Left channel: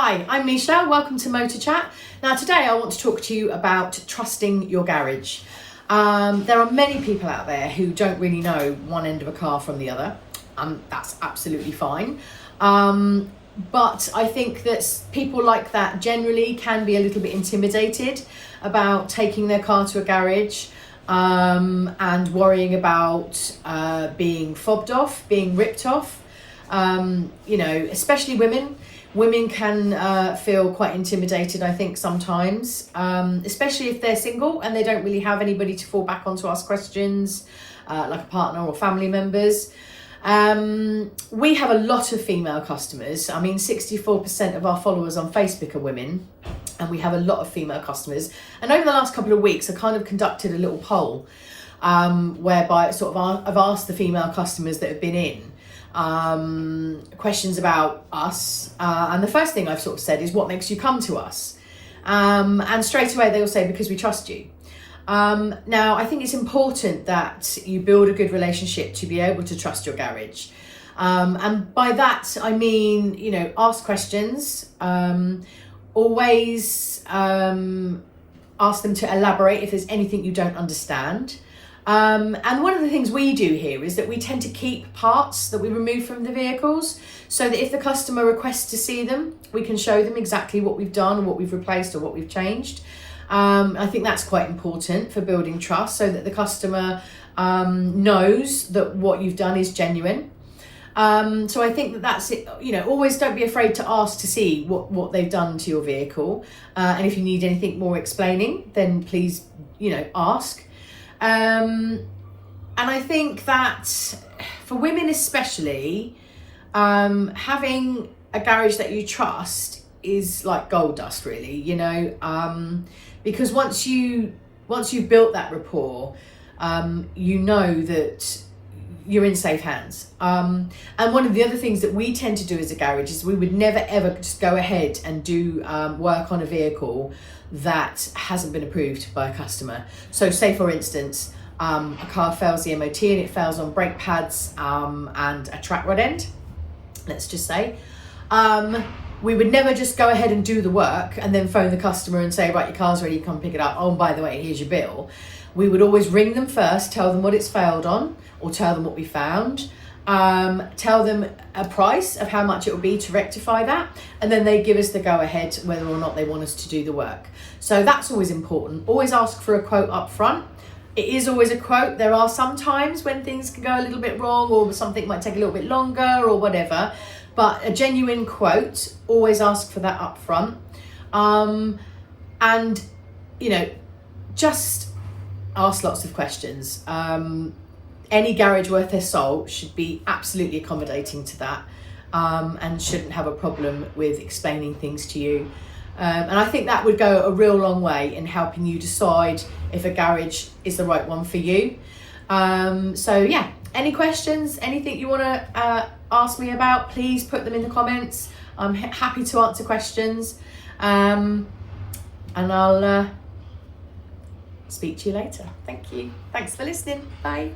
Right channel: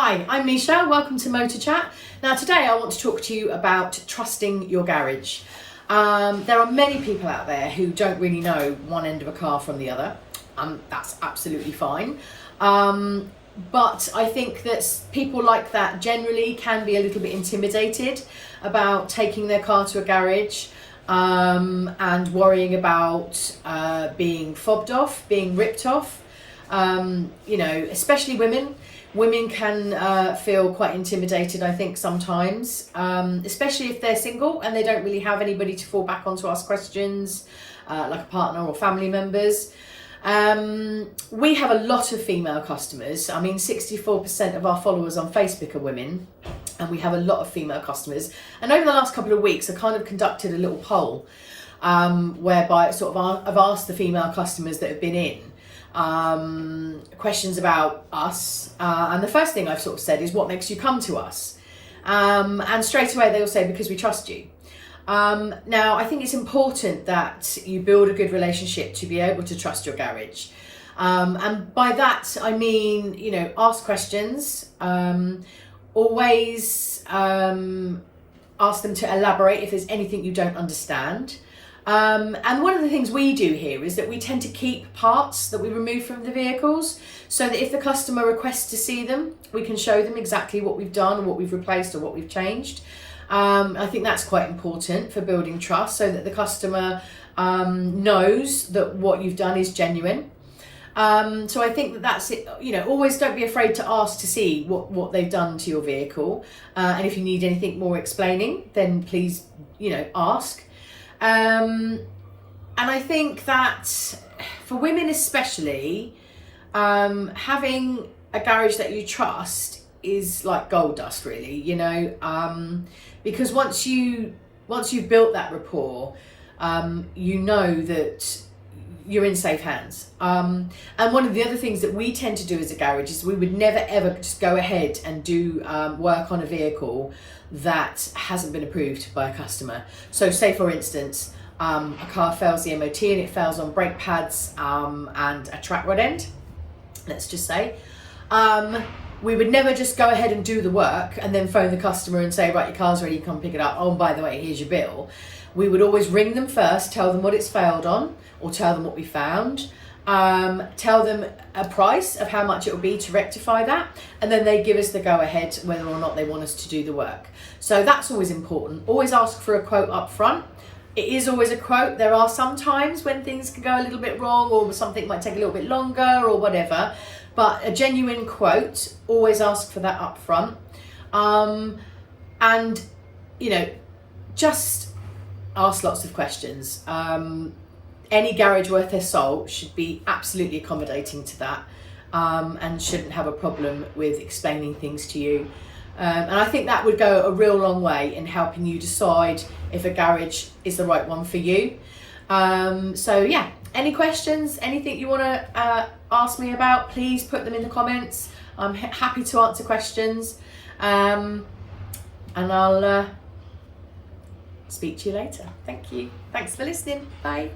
Hi, I'm Misha, welcome to Motor Chat. Now today I want to talk to you about trusting your garage. There are many people out there who don't really know one end of a car from the other, and that's absolutely fine. But I think that people like that generally can be a little bit intimidated about taking their car to a garage and worrying about being fobbed off, being ripped off. Especially women. Women can feel quite intimidated, I think, sometimes, especially if they're single and they don't really have anybody to fall back on to ask questions, like a partner or family members. We have a lot of female customers. I mean, 64% of our followers on Facebook are women, and we have a lot of female customers. And over the last couple of weeks, I kind of conducted a little poll whereby I've asked the female customers that have been in questions about us, and the first thing I've said is, what makes you come to us? And straight away they will say, because we trust you. Now I think it's important that you build a good relationship to be able to trust your garage, and by that I mean, ask questions, always ask them to elaborate if there's anything you don't understand. And one of the things we do here is that we tend to keep parts that we remove from the vehicles, so that if the customer requests to see them, we can show them exactly what we've done, what we've replaced or what we've changed. I think that's quite important for building trust, so that the customer knows that what you've done is genuine. So I think that's it. Always don't be afraid to ask to see what they've done to your vehicle. And if you need anything more explaining, then please, ask. And I think that for women especially, having a garage that you trust is like gold dust, really, because once you've built that rapport, you know that you're in safe hands. And one of the other things that we tend to do as a garage is we would never ever just go ahead and do work on a vehicle that hasn't been approved by a customer. So say for instance, a car fails the MOT and it fails on brake pads and a track rod end, let's just say. We would never just go ahead and do the work and then phone the customer and say, right, your car's ready, come pick it up. Oh, by the way, here's your bill. We would always ring them first, tell them what it's failed on, or tell them what we found, tell them a price of how much it will be to rectify that, and then they give us the go-ahead whether or not they want us to do the work. So that's always important. Always ask for a quote up front. It is always a quote. There are some times when things can go a little bit wrong, or something might take a little bit longer or whatever, but a genuine quote, always ask for that up front. And just ask lots of questions. Any garage worth their salt should be absolutely accommodating to that, and shouldn't have a problem with explaining things to you. And I think that would go a real long way in helping you decide if a garage is the right one for you. So yeah, any questions, anything you want to ask me about, please put them in the comments. I'm happy to answer questions, and I'll speak to you later. Thank you. Thanks for listening. Bye.